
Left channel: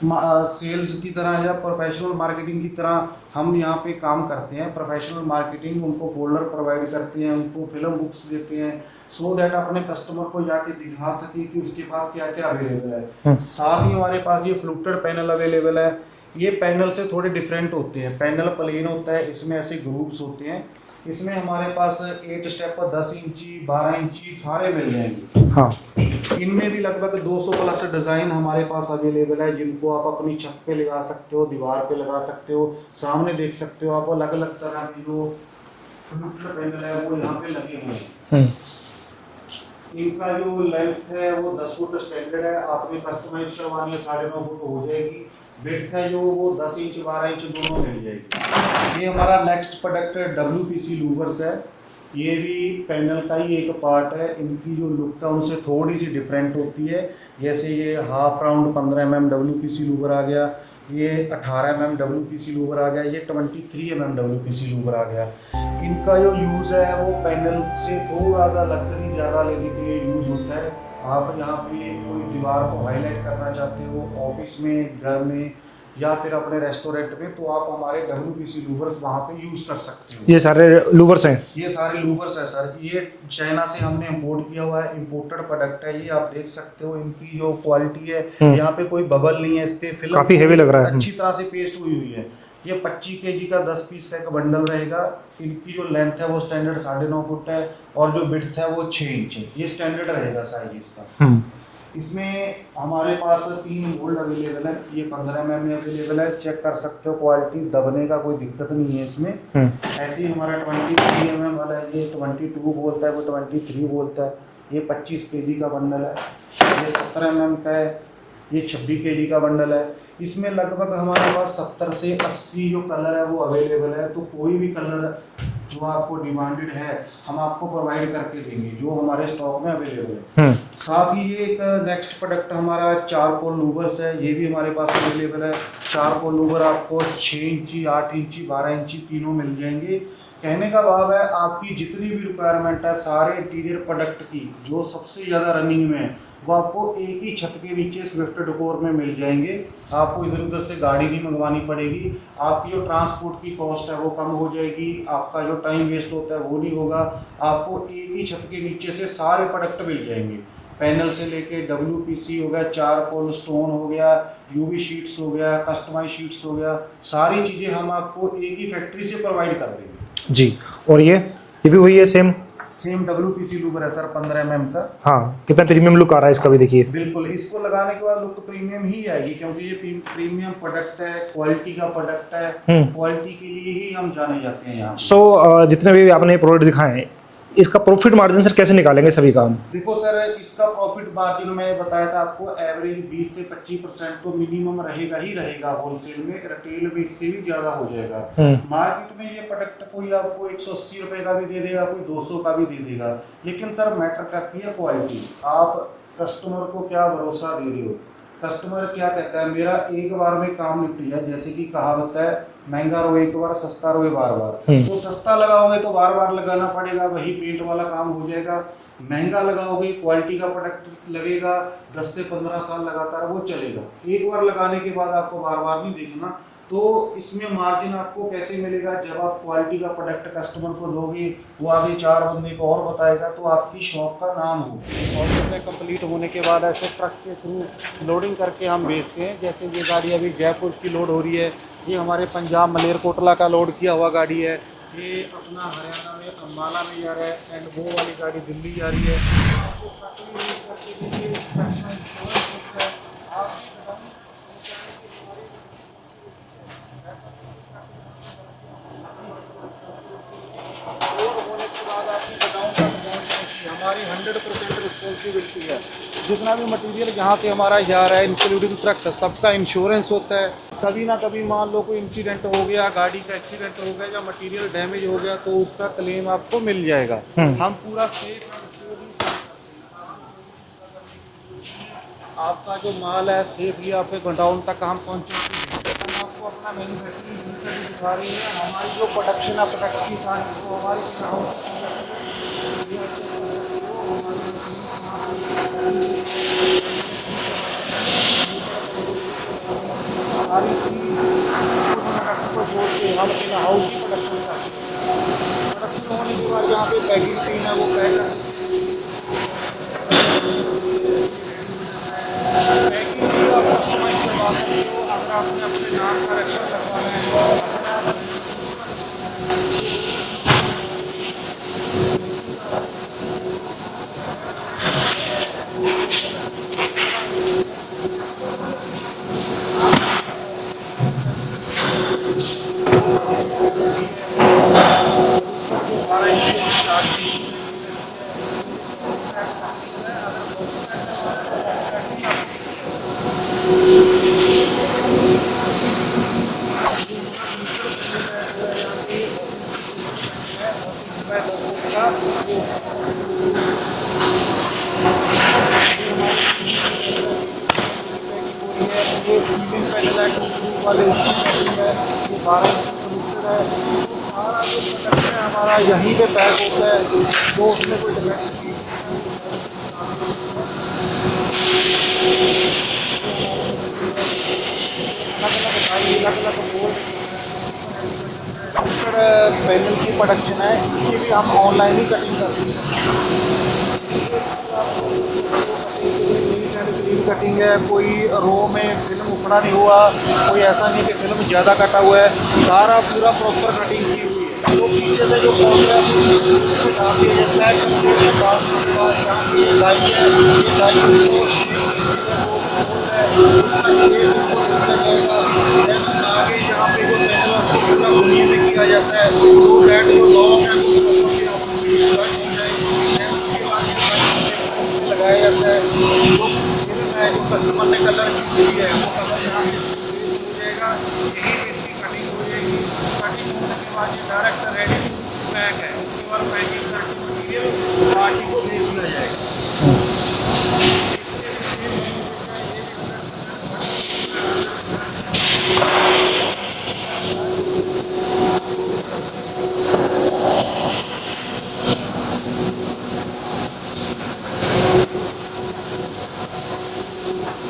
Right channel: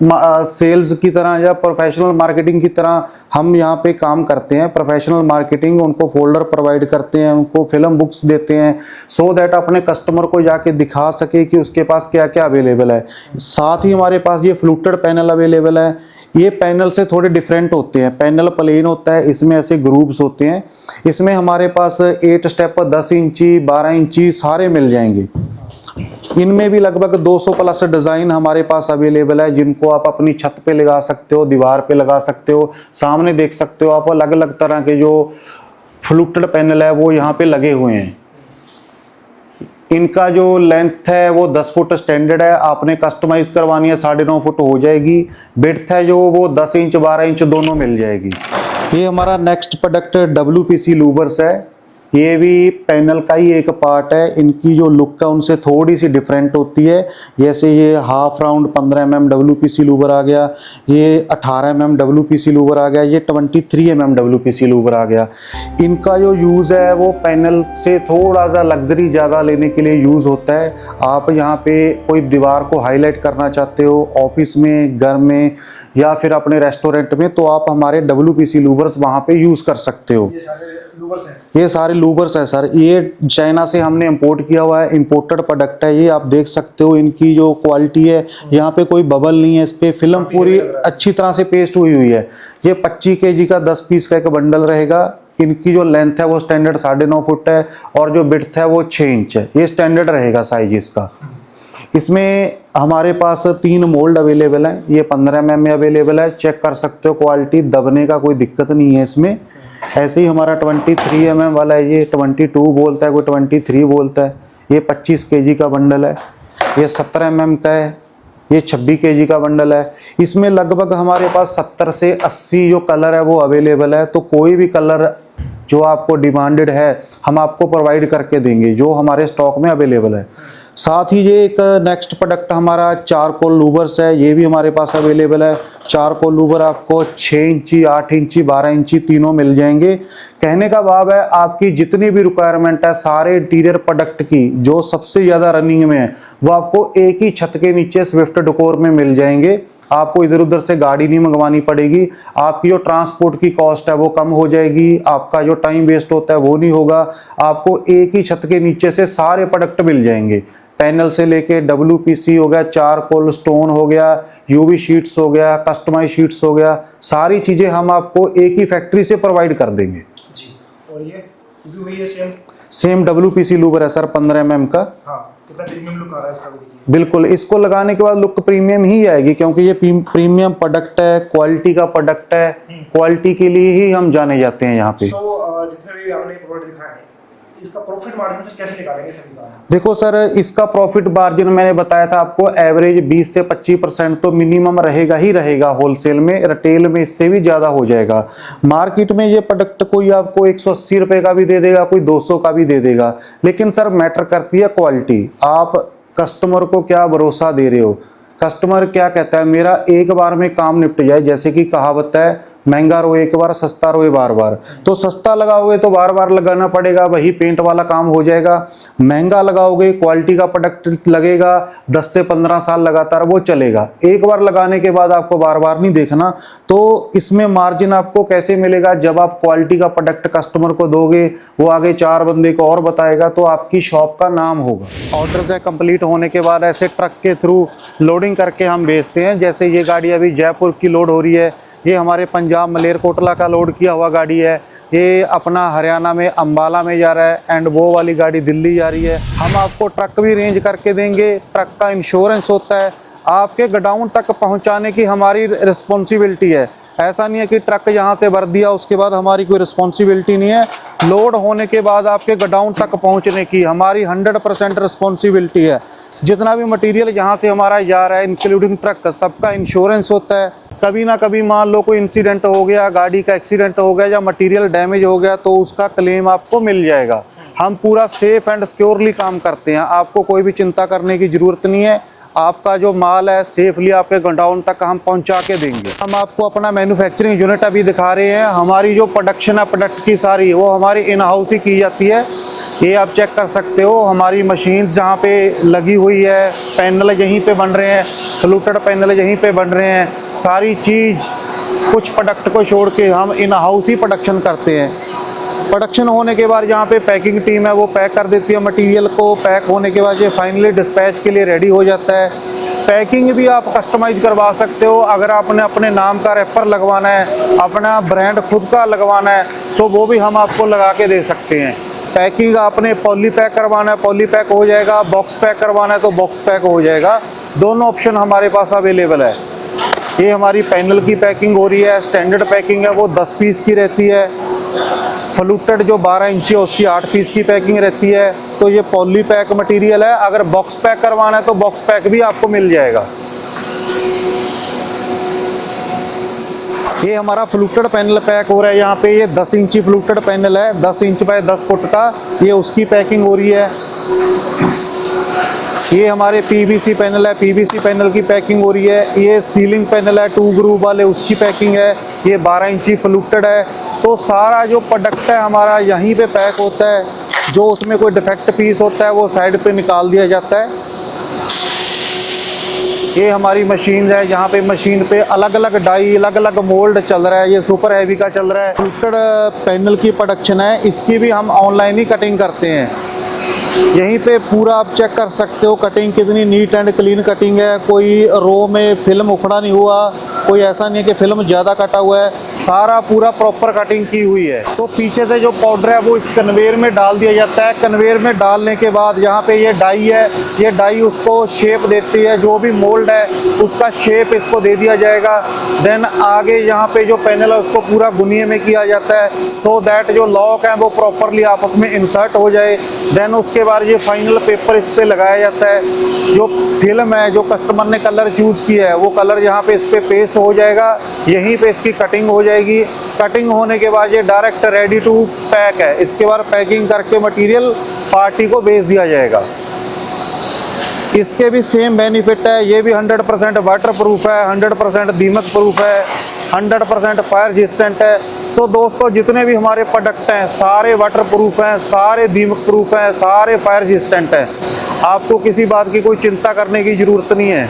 सेल्स की तरह या प्रोफेशनल मार्केटिंग की तरह हम यहाँ पे काम करते हैं। प्रोफेशनल मार्केटिंग, उनको फोल्डर प्रोवाइड करते हैं, उनको फिल्म बुक्स देते हैं, सो दैट अपने कस्टमर को जाके दिखा सके कि उसके पास क्या क्या अवेलेबल है। साथ ही हमारे पास ये फ्लूटेड पैनल अवेलेबल है। ये पैनल से थोड़े डिफरेंट होते हैं। पैनल प्लेन होता है, इसमें ऐसे ग्रुप्स होते हैं। इसमें हमारे पास 8 स्टेप, 10 इंची, 12 इंची सारे मिल जाएंगे। हाँ, इनमें भी लगभग 200 प्लस डिजाइन हमारे पास अवेलेबल है, जिनको आप अपनी छत पे लगा सकते हो, दीवार पे लगा सकते हो। सामने देख सकते हो आप अलग अलग तरह के जो फ्लूटेड पैनल है वो यहाँ पे लगे हुए हैं। इनका जो लेंथ है वो 10 फुट स्टैंडर्ड है। आपने कस्टमाइज करवानी है 9.5 फुट हो जाएगी। विड्थ है जो वो 10 इंच, 12 इंच दोनों मिल जाएगी। ये हमारा नेक्स्ट प्रोडक्ट WPC लूवर्स है। ये भी पैनल का ही एक पार्ट है। इनकी जो लुक है उनसे थोड़ी सी डिफरेंट होती है। जैसे ये हाफ राउंड 15 mm WPC लूबर आ गया, ये 18 mm WPC लूबर आ गया, ये 23 mm WPC लूबर आ गया। इनका जो यूज़ है वो पैनल से थोड़ा सा लग्जरी ज़्यादा लेने के लिए यूज़ होता है। आप यहाँ पे कोई दीवार को हाईलाइट करना चाहते हो ऑफिस में, घर में या फिर अपने रेस्टोरेंट में, तो आप हमारे WPC लूबर्स वहाँ पे यूज़ कर सकते हो। ये सारे लूवर्स हैं? ये सारे लूबर्स हैं सर। ये चाइना से हमने इंपोर्ट किया हुआ है, इंपोर्टेड प्रोडक्ट है। ये आप देख सकते हो इनकी जो क्वालिटी है, यहाँ पे कोई बबल नहीं है, इस पे फिल्म पूरी अच्छी तरह से पेस्ट हुई हुई है। ये 25 kg का 10 पीस का एक बंडल रहेगा। इनकी जो लेंथ है वो स्टैंडर्ड 9.5 फुट है और जो विड्थ है वो 6 इंच है। ये स्टैंडर्ड रहेगा साइज इसका। इसमें हमारे पास 3 मोल्ड अवेलेबल हैं। ये 15 mm में अवेलेबल है, चेक कर सकते हो क्वालिटी, दबने का कोई दिक्कत नहीं है इसमें। ऐसे ही हमारा 23 mm वाला है, ये 22 बोलता है, कोई 23 बोलता है। ये 25 kg का बंडल है। ये 17 mm का है, ये 26 kg का बंडल है। इसमें लगभग हमारे पास 70 से 80 जो कलर है वो अवेलेबल है। तो कोई भी कलर जो आपको डिमांडेड है हम आपको प्रोवाइड करके देंगे, जो हमारे स्टॉक में अवेलेबल है। साथ ही ये एक नेक्स्ट प्रोडक्ट हमारा चारकोल लूबर्स है। ये भी हमारे पास अवेलेबल है। चारकोल लूबर आपको 6 इंची, 8 इंची, 12 इंची तीनों मिल जाएंगे। कहने का भाव है आपकी जितनी भी रिक्वायरमेंट है सारे इंटीरियर प्रोडक्ट की, जो सबसे ज़्यादा रनिंग में है वो आपको एक ही छत के नीचे स्विफ्ट डेकोर में मिल जाएंगे। आपको इधर उधर से गाड़ी नहीं मंगवानी पड़ेगी। आपकी जो ट्रांसपोर्ट की कॉस्ट है वो कम हो जाएगी। आपका जो टाइम वेस्ट होता है वो नहीं होगा। आपको एक ही छत के नीचे से सारे प्रोडक्ट मिल जाएंगे। पैनल से लेके WPC हो गया, चारकोल स्टोन हो गया, UV शीट्स हो गया, कस्टमाइज शीट्स हो गया, सारी चीज़ें हम आपको एक ही फैक्ट्री से प्रोवाइड कर देंगे जी। और ये भी वही है, सेम WPC लूबर है सर, 15 mm का। हाँ, कितना प्रीमियम लुक आ रहा है इसका भी देखिए। बिल्कुल, इसको लगाने के बाद लुक प्रीमियम ही आएगी, क्योंकि ये प्रीमियम प्रोडक्ट है, क्वालिटी का प्रोडक्ट है। क्वालिटी के लिए ही हम जाने जाते हैं यहाँ पे। जितने भी आपने प्रोडक्ट दिखाए हैं, इसका प्रॉफिट मार्जिन सर कैसे निकालेंगे सभी का? देखो सर, इसका प्रॉफिट मार्जिन मैंने बताया था आपको, एवरेज 20 से 25% तो मिनिमम रहेगा ही रहेगा। होलसेल में, रिटेल में इससे भी ज्यादा हो जाएगा। मार्केट में ये प्रोडक्ट कोई आपको 180 रुपए का भी दे देगा, कोई 200 का भी दे देगा, लेकिन सर मैटर करती है क्वालिटी। आप कस्टमर को क्या भरोसा दे रहे हो, कस्टमर क्या कहता है, मेरा एक बार में काम निपट जाए। जैसे कि कहावत है, महंगा रोए एक बार, सस्ता रोए बार बार। तो सस्ता लगाओगे तो बार बार लगाना पड़ेगा, वही पेंट वाला काम हो जाएगा। महंगा लगाओगे, क्वालिटी का प्रोडक्ट लगेगा, 10 से 15 साल लगातार वो चलेगा। एक बार लगाने के बाद आपको बार बार नहीं देखना। तो इसमें मार्जिन आपको कैसे मिलेगा? जब आप क्वालिटी का प्रोडक्ट कस्टमर को दोगे, वो आगे 4 बंदे को और बताएगा, तो आपकी शॉप का नाम होगा। ऑर्डर से कंप्लीट होने के बाद ऐसे ट्रक के थ्रू लोडिंग करके हम बेचते हैं। जैसे ये गाड़ी अभी जयपुर की लोड हो रही है, ये हमारे पंजाब मलेरकोटला का लोड किया हुआ गाड़ी है। ये अपना हरियाणा में अंबाला में जा रहा है, एंड वो वाली गाड़ी दिल्ली जा रही है। हम आपको ट्रक भी रेंज करके देंगे। ट्रक का इंश्योरेंस होता है, आपके गोडाउन तक पहुंचाने की हमारी रिस्पॉन्सिबिलिटी है। ऐसा नहीं है कि ट्रक यहाँ से भर दिया उसके बाद हमारी कोई रिस्पॉन्सिबिलिटी नहीं है। लोड होने के बाद आपके गोडाउन तक पहुँचने की हमारी 100% रिस्पॉन्सिबिलिटी है। जितना भी मटेरियल यहाँ से हमारा जा रहा है इंक्लूडिंग ट्रक, सबका इंश्योरेंस होता है। कभी ना कभी मान लो कोई इंसिडेंट हो गया, गाड़ी का एक्सीडेंट हो गया या मटेरियल डैमेज हो गया, तो उसका क्लेम आपको मिल जाएगा। हम पूरा सेफ एंड सिक्योरली काम करते हैं। आपको कोई भी चिंता करने की जरूरत नहीं है। आपका जो माल है सेफली आपके गोडाउन तक हम पहुंचा के देंगे। हम आपको अपना मैन्युफैक्चरिंग यूनिट अभी दिखा रहे हैं। हमारी जो प्रोडक्शन है प्रोडक्ट की सारी, वो हमारी इन हाउस ही की जाती है। ये आप चेक कर सकते हो, हमारी मशीन जहाँ पे लगी हुई है, पैनल यहीं पे बन रहे हैं, फ्लूटेड पैनल यहीं पे बन रहे हैं। सारी चीज़ कुछ प्रोडक्ट को छोड़ के हम इन हाउस ही प्रोडक्शन करते हैं। प्रोडक्शन होने के बाद यहाँ पे पैकिंग टीम है, वो पैक कर देती है मटेरियल को। पैक होने के बाद ये फाइनली डिस्पैच के लिए रेडी हो जाता है। पैकिंग भी आप कस्टमाइज करवा सकते हो। अगर आपने अपने नाम का रैपर लगवाना है, अपना ब्रांड खुद का लगवाना है, तो वो भी हम आपको लगा के दे सकते हैं। पैकिंग आपने पॉली पैक करवाना है, पॉली पैक हो जाएगा। बॉक्स पैक करवाना है तो बॉक्स पैक हो जाएगा। दोनों ऑप्शन हमारे पास अवेलेबल है। ये हमारी पैनल की पैकिंग हो रही है। स्टैंडर्ड पैकिंग है वो 10 पीस की रहती है। फ्लूटेड जो 12 इंची है उसकी 8 पीस की पैकिंग रहती है। तो ये पॉली पैक मटेरियल है। अगर बॉक्स पैक करवाना है तो बॉक्स पैक भी आपको मिल जाएगा। ये हमारा फ्लूटेड पैनल पैक हो रहा है यहाँ पे। ये 10 इंची फ्लूटेड पैनल है, 10 इंच बाय 10 फुट का। ये उसकी पैकिंग हो रही है। ये हमारे पीवीसी पैनल है, पीवीसी पैनल की पैकिंग हो रही है। ये सीलिंग पैनल है 2 ग्रुप वाले, उसकी पैकिंग है। ये 12 इंची फ्लूटेड है। तो सारा जो प्रोडक्ट है हमारा यहीं पे पैक होता है। जो उसमें कोई डिफेक्ट पीस होता है वो साइड पे निकाल दिया जाता है। ये हमारी मशीन है, जहाँ पे मशीन पे अलग अलग डाई, अलग अलग मोल्ड चल रहा है। ये सुपर हैवी का चल रहा है। फ्लूटेड पैनल की प्रोडक्शन है, इसकी भी हम ऑनलाइन ही कटिंग करते हैं। यहीं पे पूरा आप चेक कर सकते हो कटिंग कितनी नीट एंड क्लीन कटिंग है। कोई रो में फिल्म उखड़ा नहीं हुआ, कोई ऐसा नहीं कि फिल्म ज़्यादा कटा हुआ है। सारा पूरा प्रॉपर कटिंग की हुई है। तो पीछे से जो पाउडर है वो इस कन्वेयर में डाल दिया जाता है। कन्वेयर में डालने के बाद यहाँ पे ये डाई है, ये डाई उसको शेप देती है। जो भी मोल्ड है उसका शेप इसको दे दिया जाएगा। देन आगे यहाँ पे जो पैनल है उसको पूरा गुनिये में किया जाता है, सो दैट जो लॉक है वो प्रॉपरली आपस में इंसर्ट हो जाए। देन उसके बाद ये फाइनल पेपर इस पे लगाया जाता है। जो फिल्म है, जो कस्टमर ने कलर चूज़ किया है वो कलर यहाँ पे इस पे पेस्ट हो जाएगा। यहीं पे इसकी कटिंग हो जाएगी। कटिंग होने के बाद ये डायरेक्ट रेडी टू पैक है। इसके बाद पैकिंग करके मटेरियल पार्टी को भेज दिया जाएगा। इसके भी सेम बेनिफिट है। ये भी 100% वाटर प्रूफ है, 100% दीमक प्रूफ है, 100% फायर रेजिस्टेंट है। सो दोस्तों, जितने भी हमारे प्रोडक्ट हैं सारे वाटर प्रूफ हैं, सारे दीमक प्रूफ हैं, सारे फायर रेजिस्टेंट हैं। आपको किसी बात की कोई चिंता करने की ज़रूरत नहीं है।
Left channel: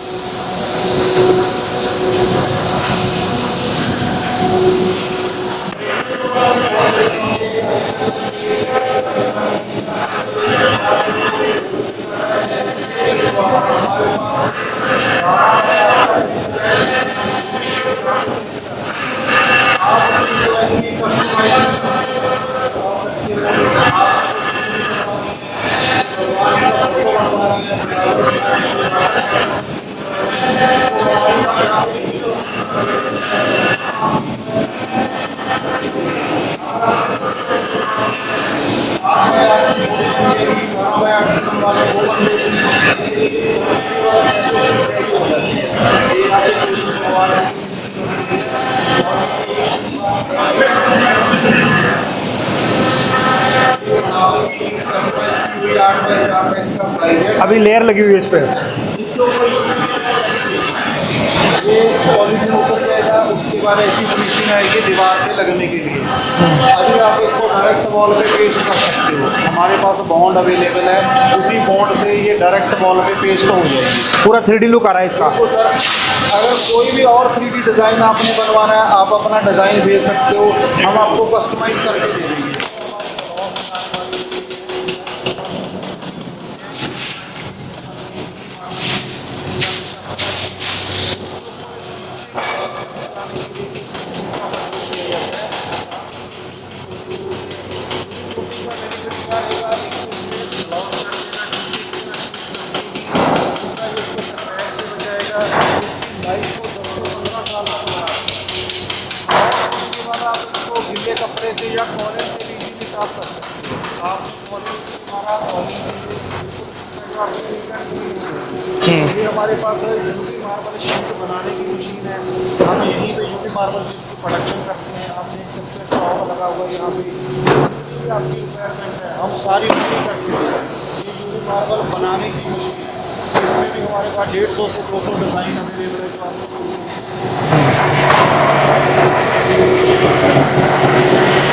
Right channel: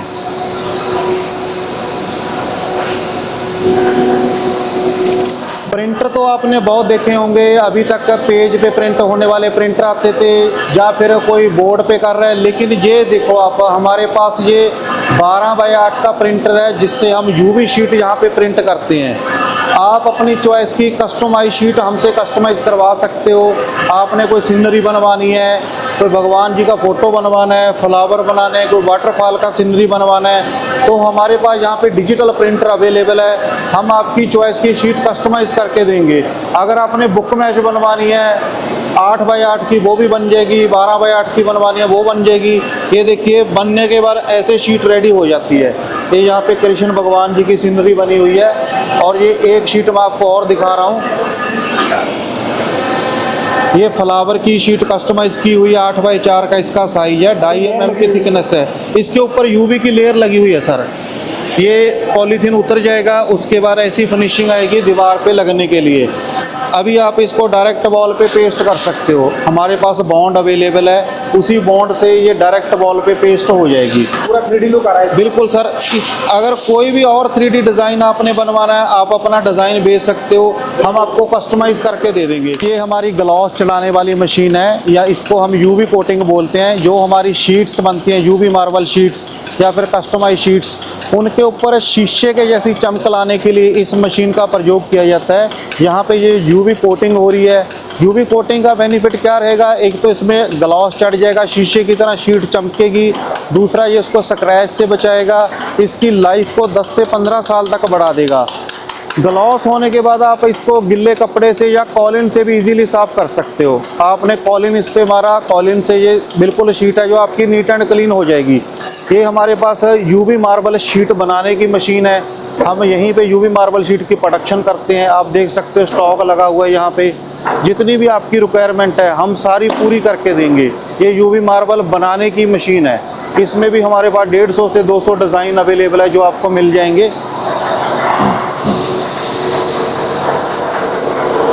प्रिंटर तो आपने बहुत देखे होंगे। अभी तक पेज पे प्रिंट होने वाले प्रिंटर आते थे या फिर कोई बोर्ड पे कर रहे हैं। लेकिन ये देखो आप, हमारे पास ये 12 बाय 8 का प्रिंटर है, जिससे हम यूवी शीट यहाँ पे प्रिंट करते हैं। आप अपनी चॉइस की कस्टमाइज शीट हमसे कस्टमाइज करवा सकते हो। आपने कोई सीनरी बनवानी है, कोई भगवान जी का फ़ोटो बनवाना है, फ्लावर बनाना है, कोई वाटरफॉल का सीनरी बनवाना है, तो हमारे पास यहाँ पे डिजिटल प्रिंटर अवेलेबल है। हम आपकी चॉइस की शीट कस्टमाइज करके देंगे। अगर आपने बुक मैच बनवानी है 8 बाय 8 की, वो भी बन जाएगी। 12 बाय 8 की बनवानी है, वो बन जाएगी। ये देखिए, बनने के बाद ऐसे शीट रेडी हो जाती है। ये यहाँ पे कृष्ण भगवान जी की सीनरी बनी हुई है। और ये एक शीट मैं आपको और दिखा रहा हूँ। ये फ्लावर की शीट कस्टमाइज की हुई है, 8 बाय 4 का इसका साइज है। अभी लेयर लगी हुई है। इसके ऊपर यूवी की लेयर लगी हुई है सर। ये पॉलीथीन उतर जाएगा, उसके बाद ऐसी फिनिशिंग आएगी दीवार पे लगने के लिए। अभी आप इसको डायरेक्ट वॉल पे पेस्ट कर सकते हो। हमारे पास बॉन्ड अवेलेबल है, उसी बॉन्ड से ये डायरेक्ट वॉल पे पेस्ट हो जाएगी। पूरा 3D लुक आ रहा है इसका। बिल्कुल सर। अगर कोई भी और 3D डिज़ाइन आपने बनवाना है, आप अपना डिज़ाइन भेज सकते हो, हम आपको कस्टमाइज करके दे देंगे। ये हमारी ग्लॉस चलाने वाली मशीन है, या इसको हम यूवी कोटिंग बोलते हैं। जो हमारी शीट्स बनती हैं, यूवी मार्बल शीट्स या फिर कस्टमाइज शीट्स, उनके ऊपर शीशे के जैसी चमक लाने के लिए इस मशीन का प्रयोग किया जाता है। यहाँ पे ये यूवी कोटिंग हो रही है। यूवी कोटिंग का बेनिफिट क्या रहेगा? एक तो इसमें ग्लॉस चढ़ जाएगा, शीशे की तरह शीट चमकेगी। दूसरा, ये इसको स्क्रैच से बचाएगा, इसकी लाइफ को 10 से 15 साल तक बढ़ा देगा। ग्लॉस होने के बाद आप इसको गिल्ले कपड़े से या कॉलिन से भी इजीली साफ कर सकते हो। आपने कॉलिन इस पे मारा, कॉलिन से ये बिल्कुल शीट है जो आपकी नीट एंड क्लीन हो जाएगी। ये हमारे पास यूवी मार्बल शीट बनाने की मशीन है। हम यहीं पे यूवी मार्बल शीट की प्रोडक्शन करते हैं। आप देख सकते हो स्टॉक लगा हुआ है यहाँ पे। जितनी भी आपकी रिक्वायरमेंट है हम सारी पूरी करके देंगे। ये यूवी मार्बल बनाने की मशीन है। इसमें भी हमारे पास 150 से 200 डिज़ाइन अवेलेबल है जो आपको मिल जाएंगे।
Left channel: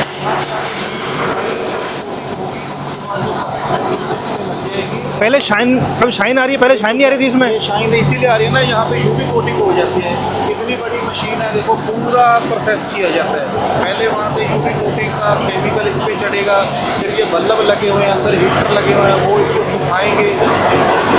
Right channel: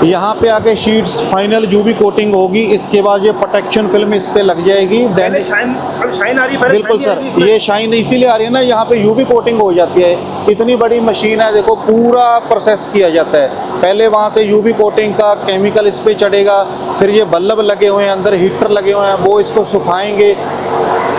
यहाँ पे आके शीट्स फाइनल यूवी कोटिंग होगी, इसके बाद ये प्रोटेक्शन फिल्म इस पे लग जाएगी। पहले शाइन, अब शाइन आ रही है, पहले शाइन नहीं आ रही थी इसमें। ये शाइन इसीलिए आ रही है ना, यहाँ पे यूवी कोटिंग हो जाती है। इतनी बड़ी मशीन है, देखो पूरा प्रोसेस किया जाता है। पहले वहाँ से यूवी कोटिंग का केमिकल इस पे चढ़ेगा, फिर ये बल्ब लगे हुए हैं, अंदर हीटर लगे हुए हैं, वो इसको सुखाएंगे।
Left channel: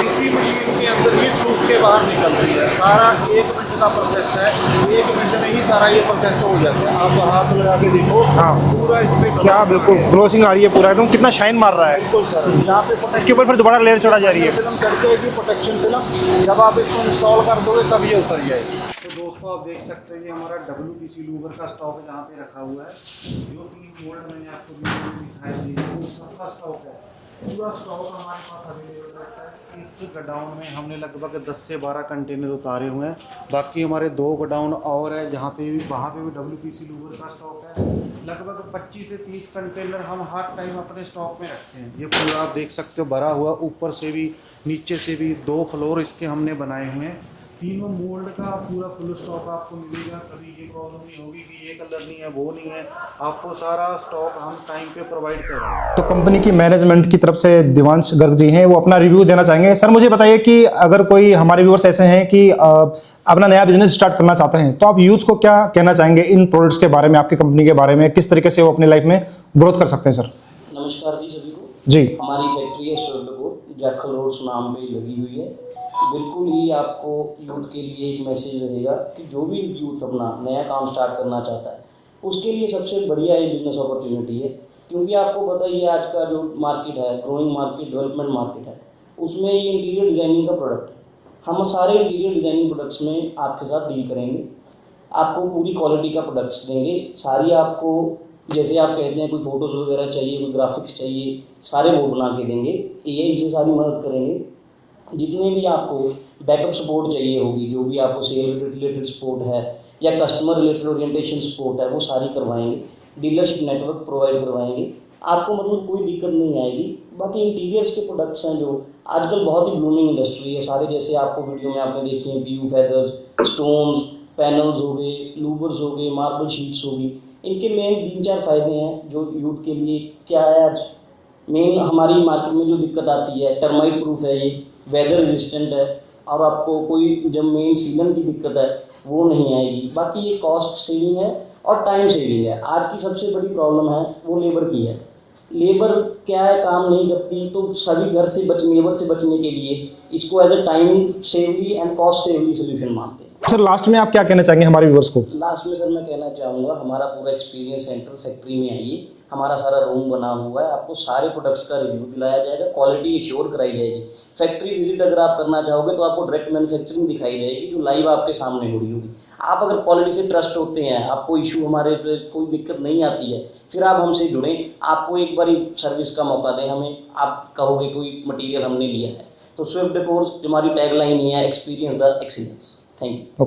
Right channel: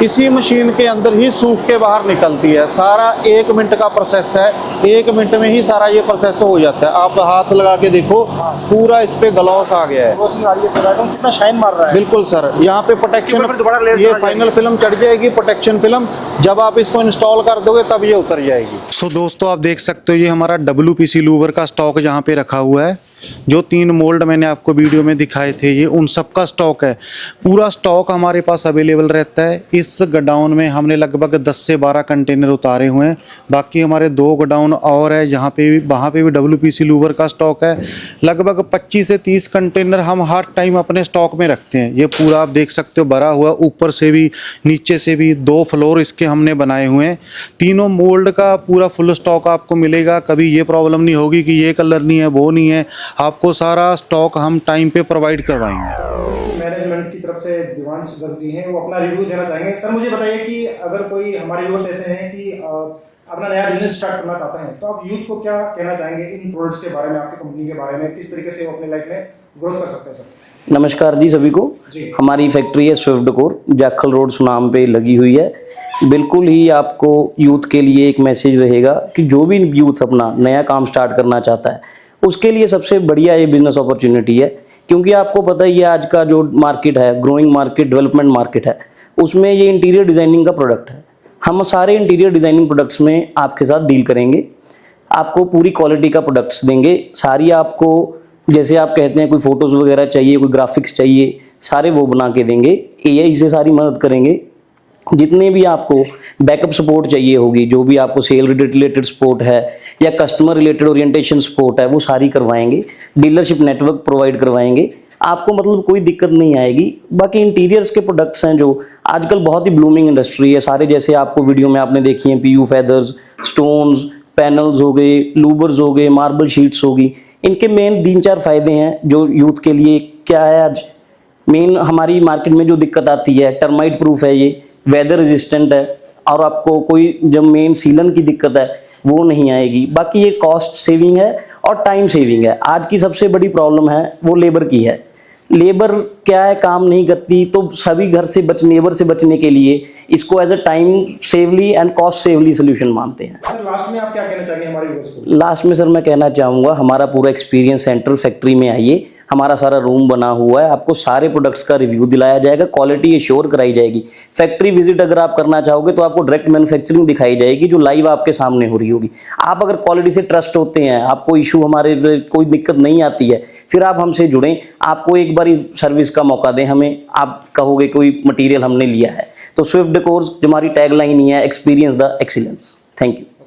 इसी मशीन के अंदर ही सूख के बाहर निकलती है। सारा 1 मिनट का प्रोसेस है। 1 मिनट में ही सारा ये प्रोसेस हो जाता है। आप हाथ लगा के देखो, पूरा इस पे ग्लॉस आ गया है, ग्लोसिंग आ रही है पूरा, एकदम कितना शाइन मार रहा है। बिल्कुल सर। यहाँ पे प्रोटेक्शन दोबारा लेयर चला जाएगी, फाइनल फिल्म चढ़ जाएगी, प्रोटेक्शन फिल्म। जब आप इसको इंस्टॉल कर दोगे तब ये उतर जाएगी। सो दोस्तों आप देख सकते हो ये हमारा WPC लूवर का स्टॉक जहाँ पे रखा हुआ है। जो 3 मोल्ड मैंने आपको वीडियो में दिखाए थे ये उन सब का स्टॉक है। पूरा स्टॉक हमारे पास अवेलेबल रहता है। इस गोडाउन में हमने लगभग 10 से 12 कंटेनर उतारे हुए हैं। बाकी हमारे 2 गोडाउन और है जहाँ पे भी वहाँ पे भी WPC लूवर का स्टॉक है। लगभग 25 से 30 कंटेनर हम हर टाइम अपने स्टॉक में रखते हैं। ये पूरा आप देख सकते हो भरा हुआ, ऊपर से भी नीचे से भी 2 फ्लोर इसके हमने बनाए हुए हैं। तीनों मोल्ड का पूरा फुल स्टॉक आपको मिलेगा। कभी ये प्रॉब्लम नहीं होगी कि ये कलर नहीं है वो नहीं है, आपको सारा स्टॉक हम टाइम पे प्रोवाइड करवाएंगे। तो कंपनी की मैनेजमेंट की तरफ से दिवांश गर्ग जी हैं, वो अपना रिव्यू देना चाहेंगे। सर मुझे बताइए कि अगर कोई हमारे व्यूअर्स ऐसे हैं कि अपना नया बिजनेस स्टार्ट करना चाहते हैं तो आप यूथ को क्या कहना चाहेंगे इन प्रोडक्ट्स के बारे में, आपकी कंपनी के बारे में, किस तरीके से वो अपनी लाइफ में ग्रोथ कर सकते हैं सर? नमस्कार जी सभी को जी। हमारी फैक्ट्री है Swift decor, Jakhal road Sunam पे लगी हुई है। बिल्कुल ही आपको यूथ के लिए एक मैसेज रहेगा कि जो भी यूथ अपना नया काम स्टार्ट करना चाहता है उसके लिए सबसे बढ़िया ये बिजनेस अपॉर्चुनिटी है। क्योंकि आपको पता ही है आज का जो मार्केट है, ग्रोइंग मार्केट, डेवलपमेंट मार्केट है, उसमें ये इंटीरियर डिज़ाइनिंग का प्रोडक्ट है। हम सारे इंटीरियर डिज़ाइनिंग प्रोडक्ट्स में आपके साथ डील करेंगे, आपको पूरी क्वालिटी का प्रोडक्ट्स देंगे। सारी आपको जैसे आप कहते हैं कोई फ़ोटोज़ वगैरह चाहिए, कोई ग्राफिक्स चाहिए, सारे वो बना के देंगे। AI से सारी मदद करेंगे। जितने भी आपको बैकअप सपोर्ट चाहिए होगी, जो भी आपको सेल रिलेटेड सपोर्ट है या कस्टमर रिलेटेड ओरिएंटेशन सपोर्ट है, वो सारी करवाएंगे। डीलरशिप नेटवर्क प्रोवाइड करवाएंगे। आपको मतलब कोई दिक्कत नहीं आएगी। बाकी इंटीरियर्स के प्रोडक्ट्स हैं जो आजकल बहुत ही ब्लूमिंग इंडस्ट्री है। सारे जैसे आपको वीडियो में आपने देखी हैं, PU फेदर्स, स्टोन्स, पैनल्स हो गए, लूबर्स हो गए, मार्बल शीट्स होगी। इनके मेन 3-4 फायदे हैं जो यूथ के लिए क्या है। आज मेन हमारी मार्केट में जो दिक्कत आती है, टर्माइट प्रूफ है, ये वेदर रेजिस्टेंट है, और आपको कोई जब मेन सीलन की दिक्कत है वो नहीं आएगी। बाकी ये कॉस्ट सेविंग है और टाइम सेविंग है। आज की सबसे बड़ी प्रॉब्लम है वो लेबर की है। लेबर क्या है, काम नहीं करती, तो सभी घर से लेबर से बचने के लिए इसको as a time savely and cost savely solution मानते हैं। सर लास्ट में आप क्या कहना चाहेंगे हमारे व्यूअर्स को? लास्ट में सर मैं कहना चाहूँगा हमारा पूरा एक्सपीरियंस सेंटर फैक्ट्री में आइए। हमारा सारा रूम बना हुआ है, आपको सारे प्रोडक्ट्स का रिव्यू दिलाया जाएगा, क्वालिटी एश्योर कराई जाएगी। फैक्ट्री विजिट अगर आप करना चाहोगे तो आपको डायरेक्ट मैन्युफैक्चरिंग दिखाई जाएगी जो लाइव आपके सामने हो रही होगी। आप अगर क्वालिटी से ट्रस्ट होते हैं, आपको इशू हमारे कोई दिक्कत नहीं आती है, फिर आप हमसे जुड़ें। आपको एक बार सर्विस का मौका दें हमें, आप कहोगे कोई मटीरियल हमने लिया है। तो स्विफ्ट डेकोर्स जो हमारी टैगलाइन ही है, experience the excellence. Thank you.